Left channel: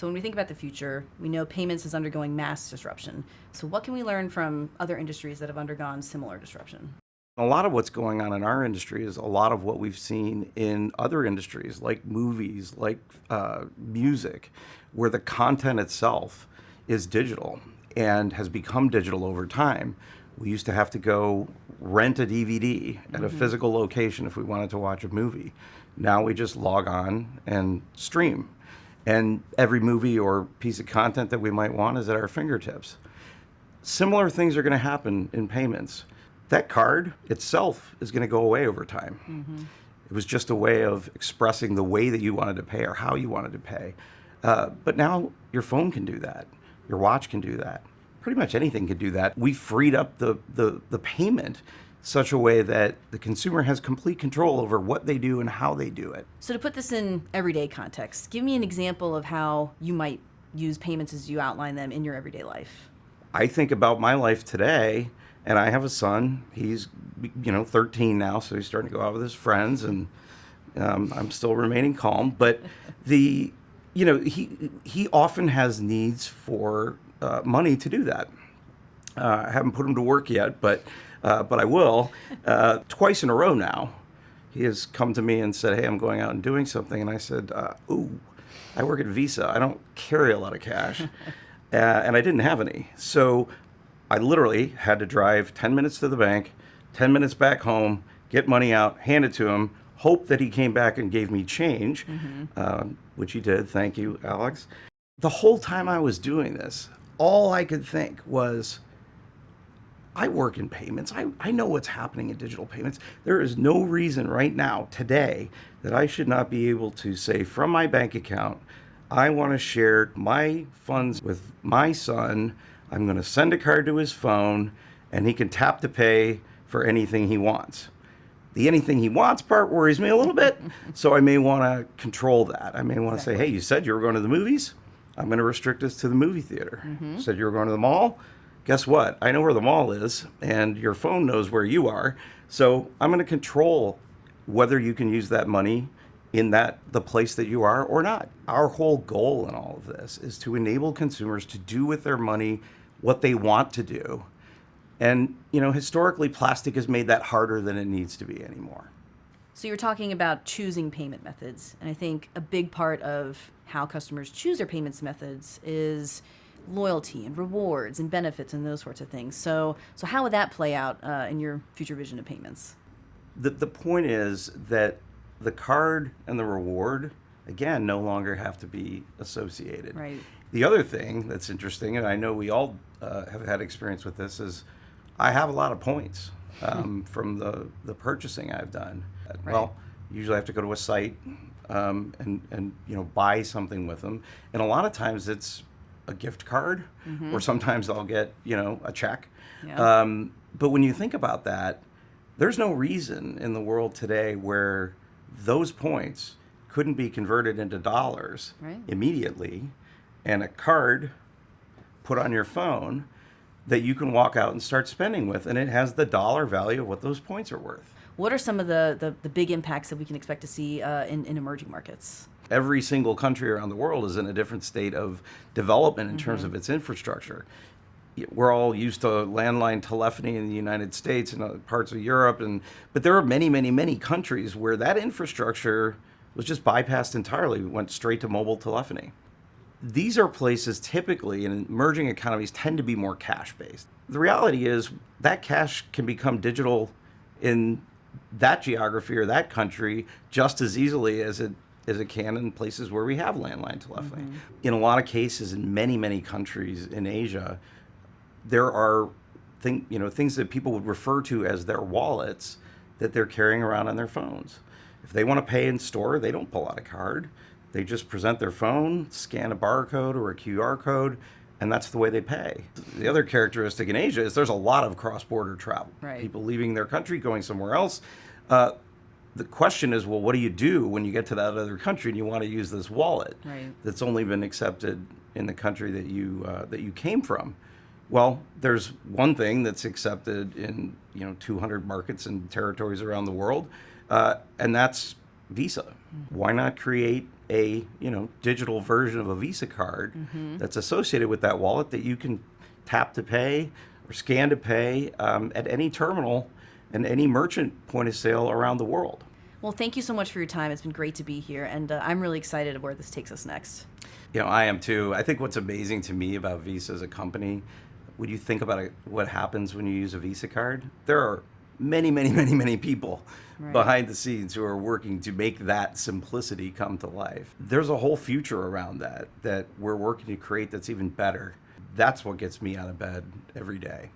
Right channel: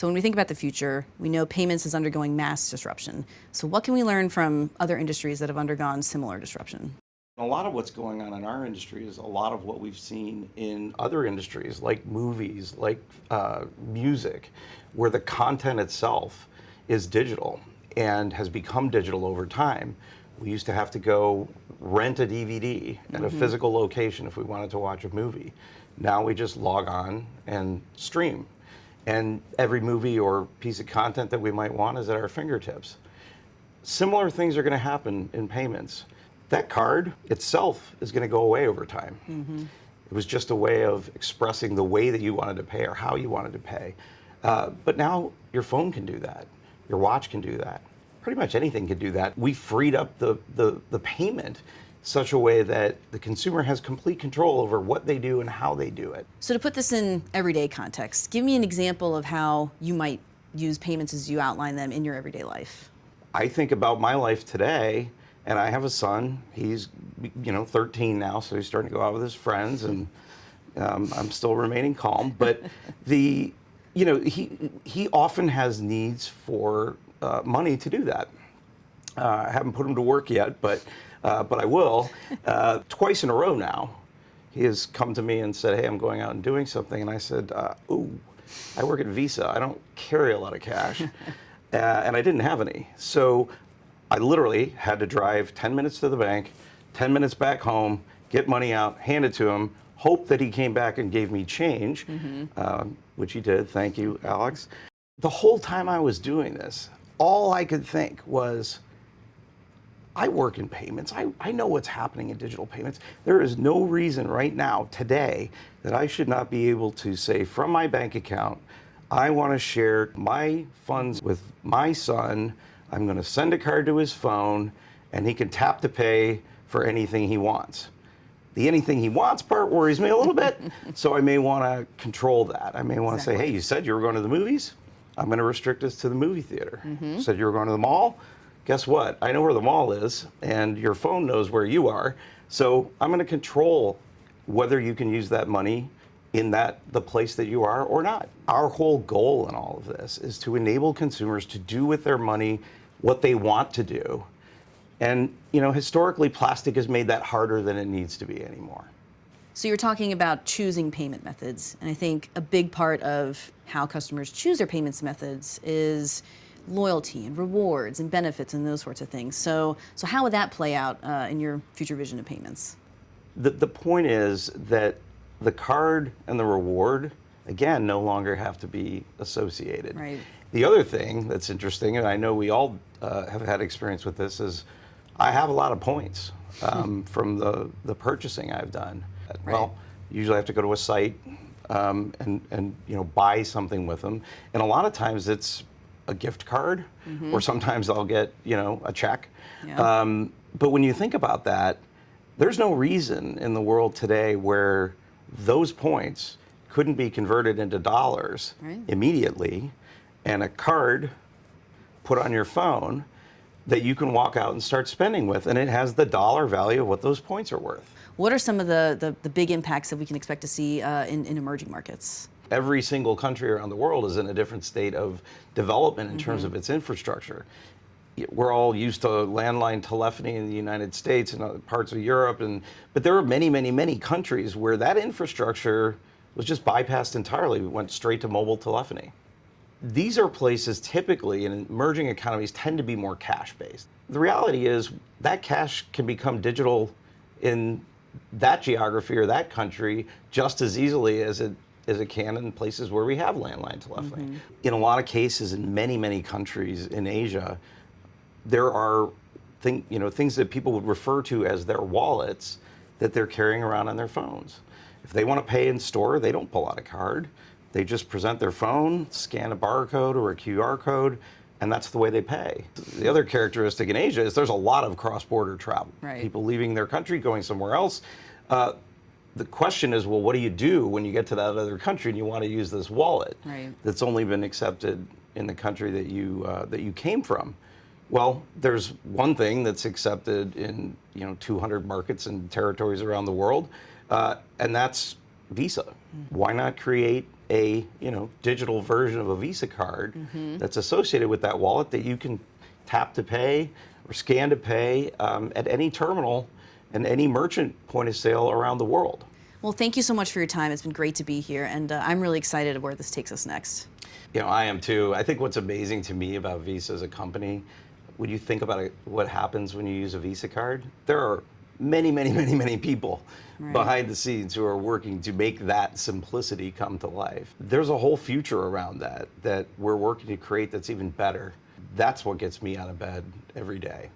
So when we think about the future, we know payments is undergoing mass disruption. So what can we learn from other industries that have undergone similar disruption? A lot of what's going on in our industry is a lot of what we've seen in other industries, like movies, like music, where the content itself is digital and has become digital over time. We used to have to go rent a DVD at a physical location if we wanted to watch a movie. Now we just log on and stream. And every movie or piece of content that we might want is at our fingertips. Similar things are going to happen in payments. That card itself is going to go away over time. It was just a way of expressing the way that you wanted to pay or how you wanted to pay. But now your phone can do that. Your watch can do that. Pretty much anything can do that. We freed up the payment such a way that the consumer has complete control over what they do and how they do it. So to put this in everyday context, give me an example of how you might use payments as you outline them in your everyday life. I think about my life today, and I have a son. He's 13 now, so he's starting to go out with his friends, and I'm still remaining calm. But he often has needs for money to do that. I haven't put him to work yet, but I will. Twice in a row now, he has come to me and said, "Hey, I'm going out and doing something," and I said, "Ooh, I work at Visa. I don't carry a lot of cash." And I didn't have any. So I literally had to drive 10 minutes to the bank, 10 minutes back home, get money out, hand it to him, hope that he came back and gave me change, which he did. Thank you, Alex. The whole time I was doing this, all I could think was, I work in payments. I know what's happening in digital payments. There is no reason right now, today, that I should not be able to say from my bank account, I want to share my funds with my son. I'm going to send a card to his phone, and he can tap to pay for anything he wants. The anything he wants part worries me a little bit, so I may want to control that. I may want to say, hey, you said you were going to the movies? I'm going to restrict this to the movie theater. You said you were going to the mall? Guess what? I know where the mall is, and your phone knows where you are, so I'm going to control whether you can use that money in the place that you are or not. Our whole goal in all of this is to enable consumers to do with their money what they want to do. And historically, plastic has made that harder than it needs to be anymore. So you're talking about choosing payment methods, and I think a big part of how customers choose their payments methods is loyalty and rewards and benefits and those sorts of things. So how would that play out in your future vision of payments? The point is that the card and the reward, again, no longer have to be associated. Right. The other thing that's interesting, and I know we all have had experience with this, is I have a lot of points from the purchasing I've done. Right. Well, usually I have to go to a site and buy something with them, and a lot of times it's a gift card, or sometimes I'll get a check. Yeah. But when you think about that, there's no reason in the world today where those points couldn't be converted into dollars immediately, and a card put on your phone that you can walk out and start spending with, and it has the dollar value of what those points are worth. What are some of the big impacts that we can expect to see in emerging markets? Every single country around the world is in a different state of development in terms of its infrastructure. We're all used to landline telephony in the United States and other parts of Europe, but there are many, many, many countries where that infrastructure was just bypassed entirely. It went straight to mobile telephony. These are places typically in emerging economies tend to be more cash-based. The reality is that cash can become digital in that geography or that country just as easily as it can in places where we have landline telephony. In a lot of cases, in many, many countries in Asia, there are things that people would refer to as their wallets that they're carrying around on their phones. If they want to pay in store, they don't pull out a card. They just present their phone, scan a barcode or a QR code, and that's the way they pay. The other characteristic in Asia is there's a lot of cross-border travel. Right. People leaving their country, going somewhere else. The question is, well, what do you do when you get to that other country and you want to use this wallet that's only been accepted in the country that you came from? Well, there's one thing that's accepted in 200 markets and territories around the world, and that's Visa. Why not create a digital version of a Visa card that's associated with that wallet that you can tap to pay or scan to pay at any terminal and any merchant point of sale around the world? Well, thank you so much for your time. It's been great to be here, and I'm really excited where this takes us next. I am too. I think what's amazing to me about Visa as a company, when you think about it, what happens when you use a Visa card, there are many, many, many, many people behind the scenes who are working to make that simplicity come to life. There's a whole future around that we're working to create that's even better. That's what gets me out of bed every day.